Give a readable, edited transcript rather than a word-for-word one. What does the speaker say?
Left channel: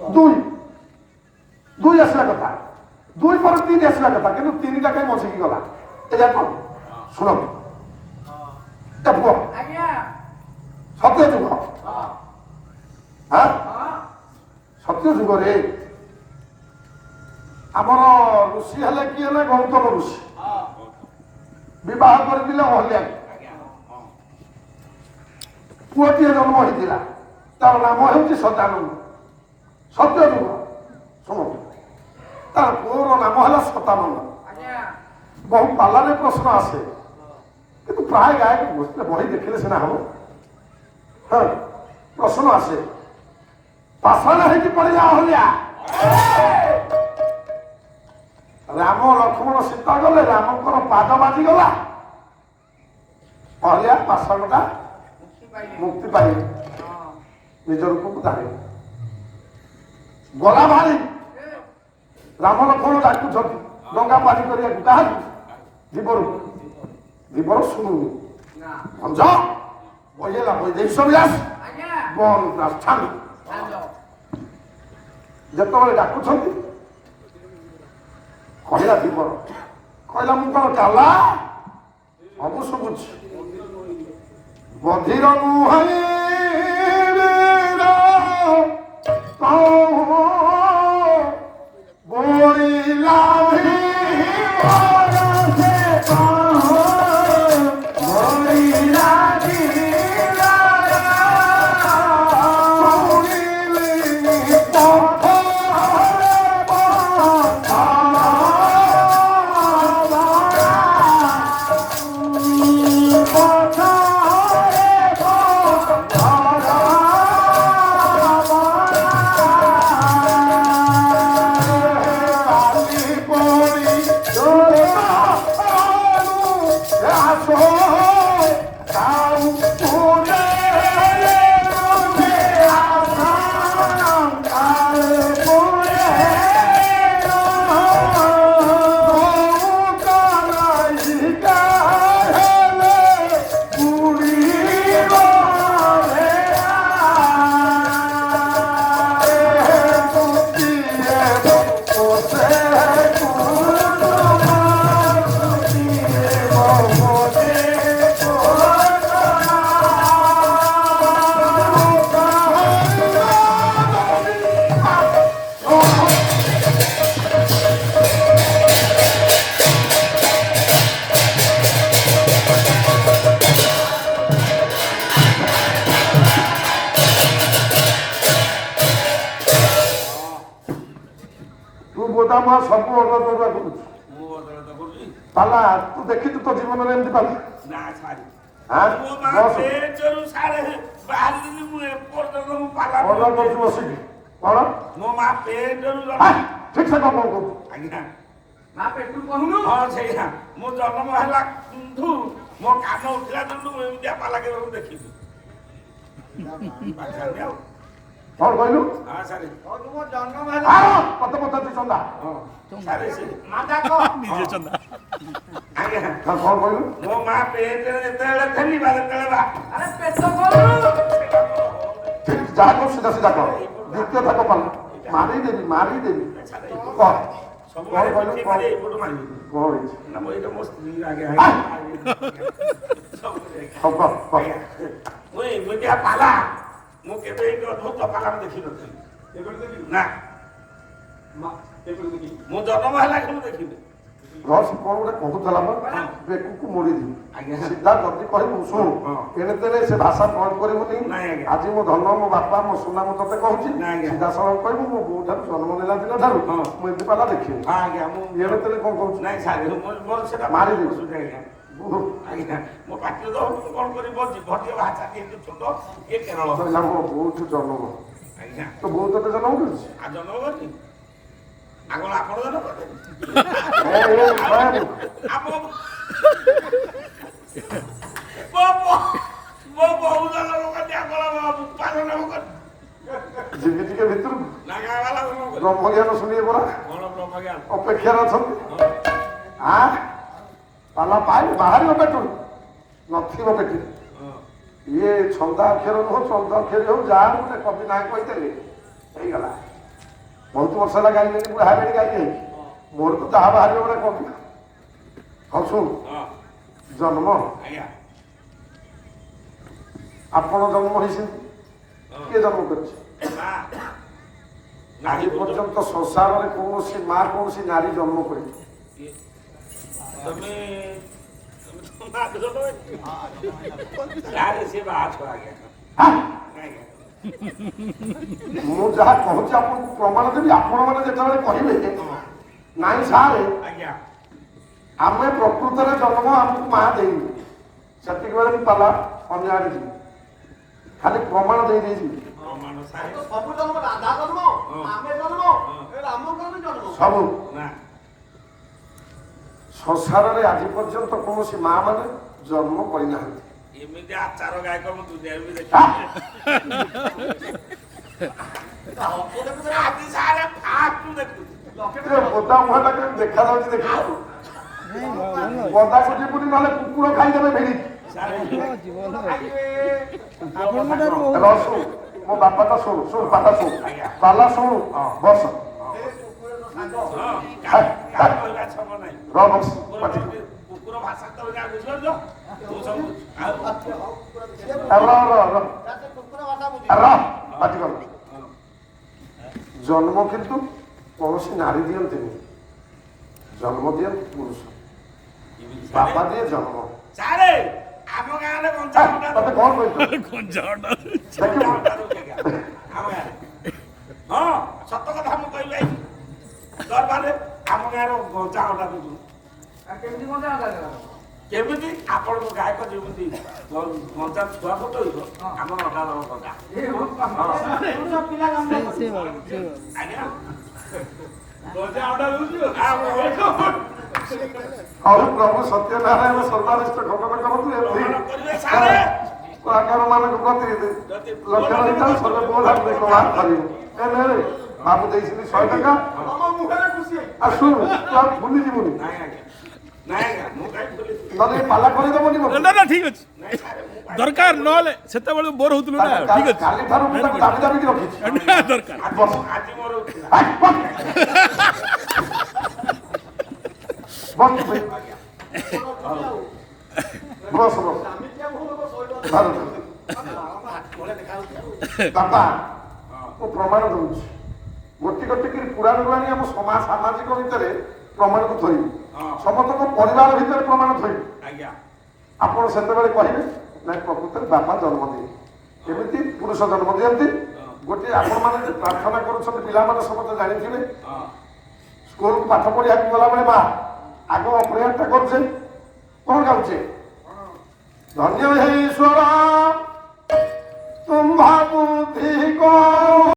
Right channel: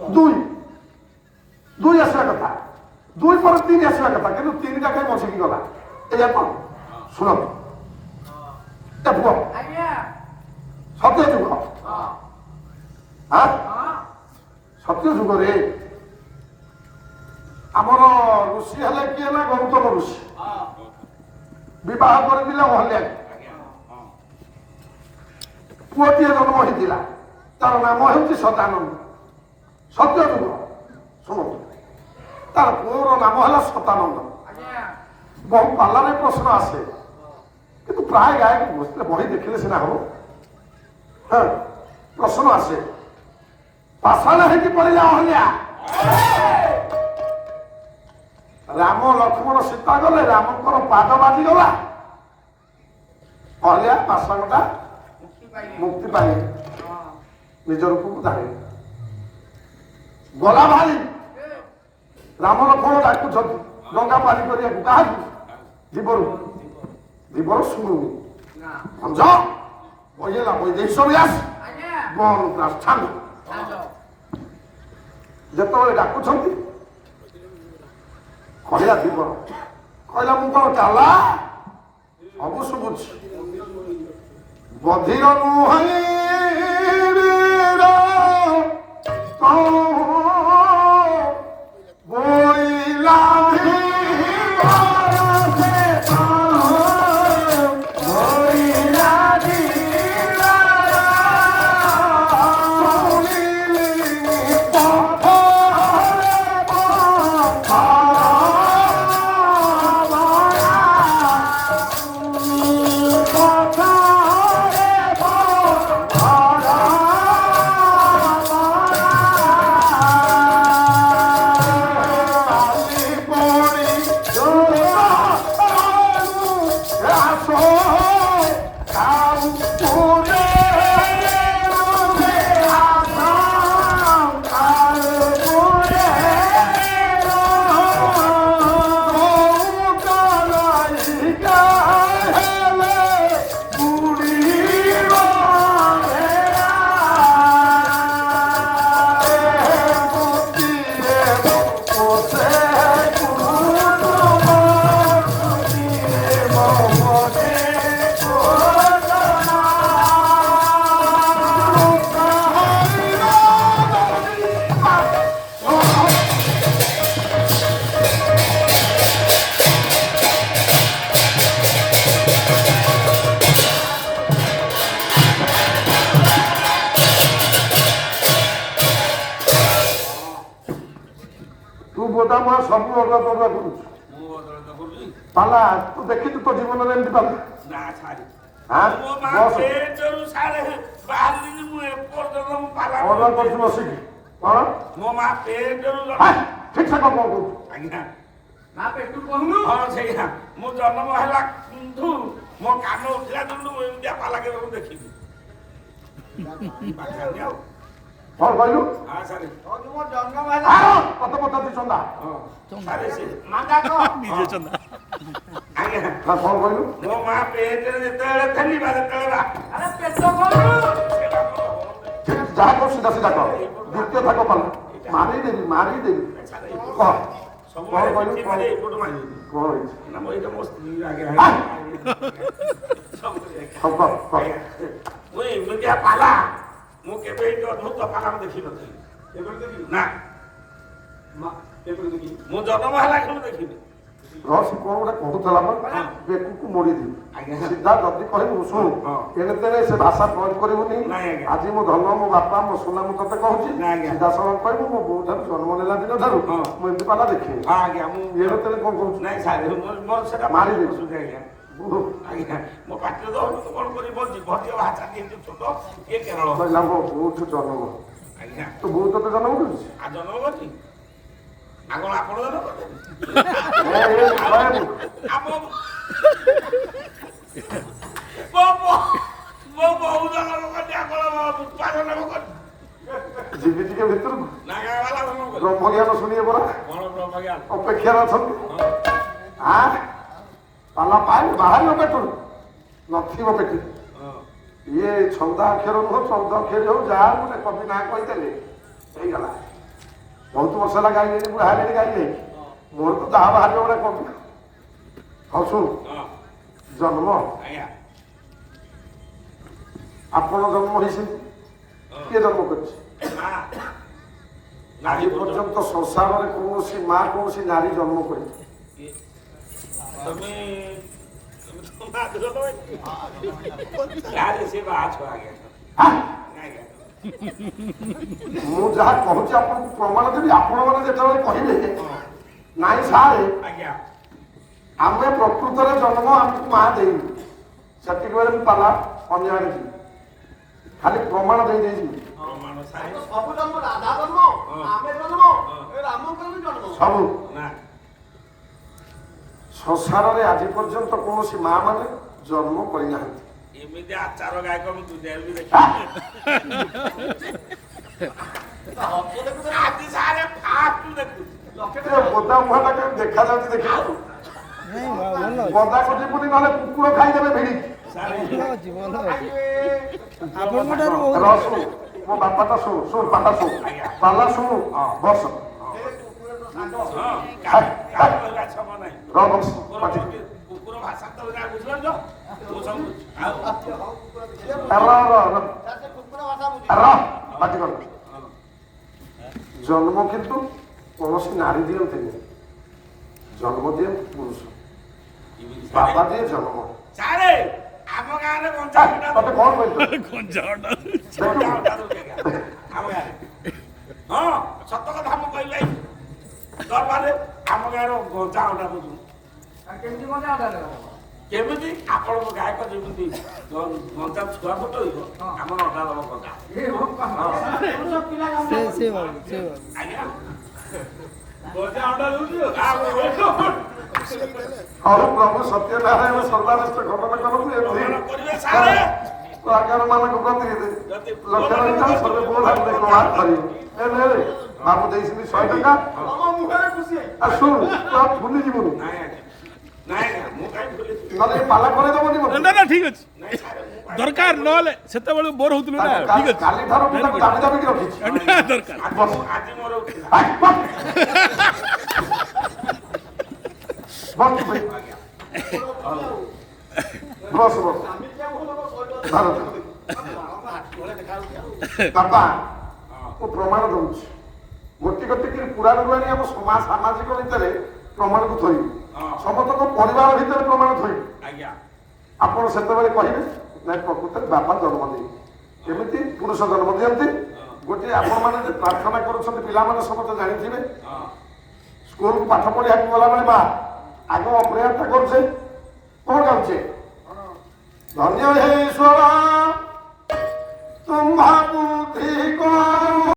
দুই দুই আসিবা কথা, দুই পরে তিন আসিবা কথা, কিন্তু তিনটা কাই মছিকি গলা এয়া কোন শুণ এটা পুଅ ସତ୍ୟ ଯୁଗ ସତ୍ୟ ଯୁଗରେ ଆମର ଋଷି ହେଲେ କିଏ ହେଲେ ଗୌତମ ଋଷି ବିବାହ କରିଥିଲେ ଅହଲ୍ୟା ପୁଅଟିଏ ଜନ୍ମ ହେଇଥିଲା ତାର ନାମ ହେଉଛି ସଦାନନ୍ଦ ସତ୍ୟ ଯୁଗ ଶୁଣନ୍ତୁ ତାର ପୁଅର ନାମ ହେଲା ସଦାନନ୍ଦ ବହୁ ପାଲାରେ ପ୍ରଶ୍ନ ଆସେ କିନ୍ତୁ ପ୍ରାୟ ଗାୟକ ବସିଲେ ବହି ଦେଖିଲେ ସିନା ହବ ହଁ ପ୍ରଶ୍ନ ଆସେ ପାଷାଣ ହେଇକି ପଡ଼ିଲା ଅହଲ୍ୟା ରାମ ଲକ୍ଷ୍ମଣ ସୀତା ଗଲେ ରାମଙ୍କର ପାଦ ବାଜିଗଲା ଅହଲ୍ୟା ପାଷାଣଟା ମୁକ୍ତି ପାଇଲେ ନିଜ ରୂପକୁ ଧାରିଲେ ଗଲା ଭାରି ରାମ ଲକ୍ଷ୍ମଣ ଡାକୁଛନ୍ତି ଡଙ୍ଗା ପାରି କରିବାକୁ କାହାକୁ ଜୀବରୁ ଜୀବର ଶୁଣୁନି ଭଞ୍ଜ ବହିଲା ବୈଦେଶ ବ୍ୟାସ ବନ ପ୍ରାର୍ଥନା ଯେତେବେଳେ ଡାକୁଛନ୍ତି କହିଲା ଜୀବନ କହିଲା ମୁଁ କଣ ଚାଲା ସବୁ ଶୁଭୁଛି ବଧିର ନୁହେଁ ସବୁ ଅଲଗା କରୁଛୁ ପାଲା ତୁ ଦେଖିଛୁ ତୋ ଜୀବନରେ ଏମିତି ପାଲା କରୁଛୁ ବସିକି କଣ ମୋ ମା ପେଟରୁ ଠିକ ସେ କଣ କରୁଛୁ ଆଜ୍ଞା ମା ପେଟରୁ କହୁନୁ ହଁ ସେଇଆ ମୁଁ ଜନ୍ମ ହେଲା ମୋ କାନ ଉଠିଲା ଦିନୁ ମୁଁ ଏମିତିଆ ପାଲା କେବେ ମୁଁ ଦେଖିବି ଆଉ କଣ କହିଲୁ କତ ପଚାରୁଛି ଚନ୍ଦା କଣ କହିଲୁ ମୋ ମା ପେଟରେ ଯେତେବେଳେ ଥେଲି ଯେତେବେଳେ ଯାହା କରୁ ସିଧା ସିଧା କର ଦ୍ୱିତୀୟ ଥାକ ପାଲା ମାରିଦେବି କହ କଣ କହିଲୁ କଣ ହେଇଛି ଏମିତିଆ ପାଲା ମୁଁ କେବେ ଏଇ ଅଦ୍ଭୁତ ପାଲା ଦେଖିନଥିଲି ନା ମୁଁ ଜନ୍ମ ହେଲା କେବେ ଦେଖିନି ରସି କଣ ଗୋଟେ କହୁଥିଲା ବେକକୁ ମୋଡ଼ିଦେବି ସିଧା ଯଦି କହିବୁ ଶୁଣୁ ଏଣେ ତେଣେ ସେ ଭାଷା ପ୍ରୟୋଗ କରିବୁନି ଆଜି ମୋ ଧନ ମୋ ବାପା ମୋ ସୁନା ମୁଁ ତତେ କହୁଛି ସିଧା ସଳଖ କହିବୁ ମୋ ବୋଉ ଠାରୁ ଜନ୍ମ ନେଲା ଦିନ ଠାରୁ ମୁଁ ଏମିତି ପାଲା ଦେଖିନି ଏଣେ ତେଣେ କଣ କହୁଛୁ ମାରିଦେବି ଆଜ୍ଞା ମୋ ପାଟିରେ ଦଉନୁ କଣ କରିବି ଭଟିଆ ଭାଷା ଯେହେତୁ ଛୋଟ ଇଏ କେରଳ ମୋ ବୋଉଠୁ ଜନ୍ମ ଆଜ୍ଞା ତ ବୋଉ ତତେ ଜନ୍ମ କରୁଛି ଆଉ ଜନ୍ମ କରିଛି ଆଗଳ ଆପଣ ଜନ୍ମ କରିବେ ଯିବି ଟିକେ ଭିତରକୁ ବ୍ରହ୍ମଜ୍ଞାନ ଶୁଣିବେ ପରା ଅପେକ୍ଷାରେ ଅଛନ୍ତି ପାଲା ପାଇଲେ ବାହାରିବ ପେଟରୁ ନଥିବ ପେଟି ଇଏ ଛନ୍ଦା ଅକ୍ଷର ନୁହଁ ଚନ୍ଦ ଅକ୍ଷର ହଉ ଯାହା ଗୋଟେ କବି ନାଁ କହିଦେଲେ ହେଇଗଲା ବହୁତ ବର୍ଷ ହେଲା ଗାଇଲେଣି ବୁଢା ହେଲେଣି ଗାଇଲେ ମୋର ତ ଯାହା ବାହାରିବ ଗୋଟେ କବି। ହଉ ଶୁଣ ଜନ୍ମ ଆପଣ ଜନ୍ମ ହେଇଛନ୍ତି କିଏ ଜନ୍ମ କରିଛି? ଆଜି ପର୍ଯ୍ୟନ୍ତ ସଂସାରରେ କୌଣସି ମା କୌଣସି ନାରୀ ଜନ୍ମ କରିନି। ମୁଁ ଯାହା କହୁଛି ଆପଣଙ୍କୁ ପ୍ରମାଣ ଦେବି। ଆପଣ ମାନେ ଯେତେବେଳେ କହିବେ ନାଇଁ ସାରେ ଆମେ ପ୍ରକୃତରେ ଜନ୍ମ ଆମକୁ ମା ଦେଇନି, ସେତିକି ବେଳେ ମୁଁ ପାଲା ଅନ୍ୟ ଆଡେ ଯିବି, ଖାଲି ପ୍ରମାଣ ଦେଇଯିବି। ସବୁ ସଂସାରରେ ଆଜି ପର୍ଯ୍ୟନ୍ତ କୌଣସି ମା ମାନେ ଜନ୍ମ କରିନାହାନ୍ତି। ଏମିତି ଆଚାର ଗାୟକ ମୁଁ ଦୁନିଆରେ ବି ଦେଖି ବୋଦା ମୁହାଁଟା କେମିତି ଦେଖାଯାଉଛି ଦେଖିବାକୁ। ବନ୍ଧାକୁ ଯିବୁନି ନହେଲେ କୁକୁର ଖାଇଦେବେ ଭିଡ଼ିକି। ରସୁ ମୋ ବାପାଟା ଶୁଣୁ ଶୁଣୁ ପାଟା ଶୁଣୁ ପାଲା ଶୁଣୁ ବସ କୁକୁର ଭାଷା ତ ବୁଝିପାରୁଛ? ଜନ୍ମ କିନ୍ତୁ କୌଣସି ନାରୀ ଦିଅନ୍ତିନି, ଜନ୍ମ ଦିଅନ୍ତି ପୁରୁଷ। ବାପା ଦିଏ ଜନ୍ମ। ଆମ ଗାଁରେ ତତେ କଣ କହିଲ? ଆମ ଗାଁରେ ହଁ ସତ କଥା ମୁଁ କହିବି ଭାଇ ଦରବାରରେ ଆମ ଗାଁର ଗଞ୍ଜା ଅଣ୍ଡା ଦଉଛୁ। କେମିତି ଆପଣଙ୍କ ଗାୟକ ଯେମିତି ଗଞ୍ଜା ଛୁଆ ଫୁଟେଇବ ଆମର ଅଣ୍ଡା ଦବ ଗଞ୍ଜା। ଆଜ୍ଞା ଗଞ୍ଜା ଅଣ୍ଡା ଦଉଛୁ। ହଉ ପ୍ରଭୁ ସତ୍ୟନାରାୟଣ ସର୍ବାରିଷ୍ଟ ଘଟନ କରନ୍ତୁ। କଳାକାର ମାନଙ୍କ ପ୍ରତି ଲକ୍ଷ୍ୟ ରହିଥାଉ ସର୍ବେ ବୋଧ ବ୍ୟବହାର କରିବ। ବାବୁ ଦେଇଛନ୍ତି 100 ଟଙ୍କା। ଆଉ ଶୁଣୁ ତୁ ଆଉ ଭୁଲି ଯିବୁନି, ନହେଲେ ପାଲା କରେଇଦବନି ମତେ। ନା ଠିକ ଅଛି ଦରକାର ନହେଲେ ସେତେବେଳେ ବୋର ହଉଥିଲୁ ନା। ଠିକ ଅଛି କାଲି ଠାରୁ ମୁଁ ତାକୁ ଦାବି ଦାବିକି ରଖିଛି। ଦରକାର ଆଜି ମୋର ଉଠିଲା ବସ ବସ ବାପା ମୁଁ ପ୍ରମାଣ ଦଉଛି। ଗୋଟି ଗୋଟି କରି ପୁରାଣରୁ ଆଣି ଆମ ସମାଜ ସାମାଜିକ ଭିତରେ ପ୍ରମାଣକୁ ଥୋଇବି, ସମସ୍ତଙ୍କ ପରିବାର ଭିତରେ ପ୍ରମାଣ ଥୋଇବି। ଆପଣ ସେତେବେଳେ କହିବେ ନାଇଁ ପ୍ରକୃତରେ ବାପା ଜନ୍ମ ଦିଏ। କେମିତି ପୁରୁଷ ଜନ୍ମ ଦିଅନ୍ତି? ଗୋଟିଏ ଆପଣମାନେ ଯେ ପ୍ରାର୍ଥନା କରୁଛନ୍ତି ପିଲାମାନେ ସମସ୍ତେ ଜାଣିଥିବେ, ସ୍କୁଲକୁ ପାଠ ପଢିବାକୁ ଗଲାବେଳେ ମା ଆଗ ଅପ୍ରେୟାରଟା କରୁଛେ, କଣ ଗାଉଛେ? ଧନ୍ୟ ହେ ଈଶ୍ୱର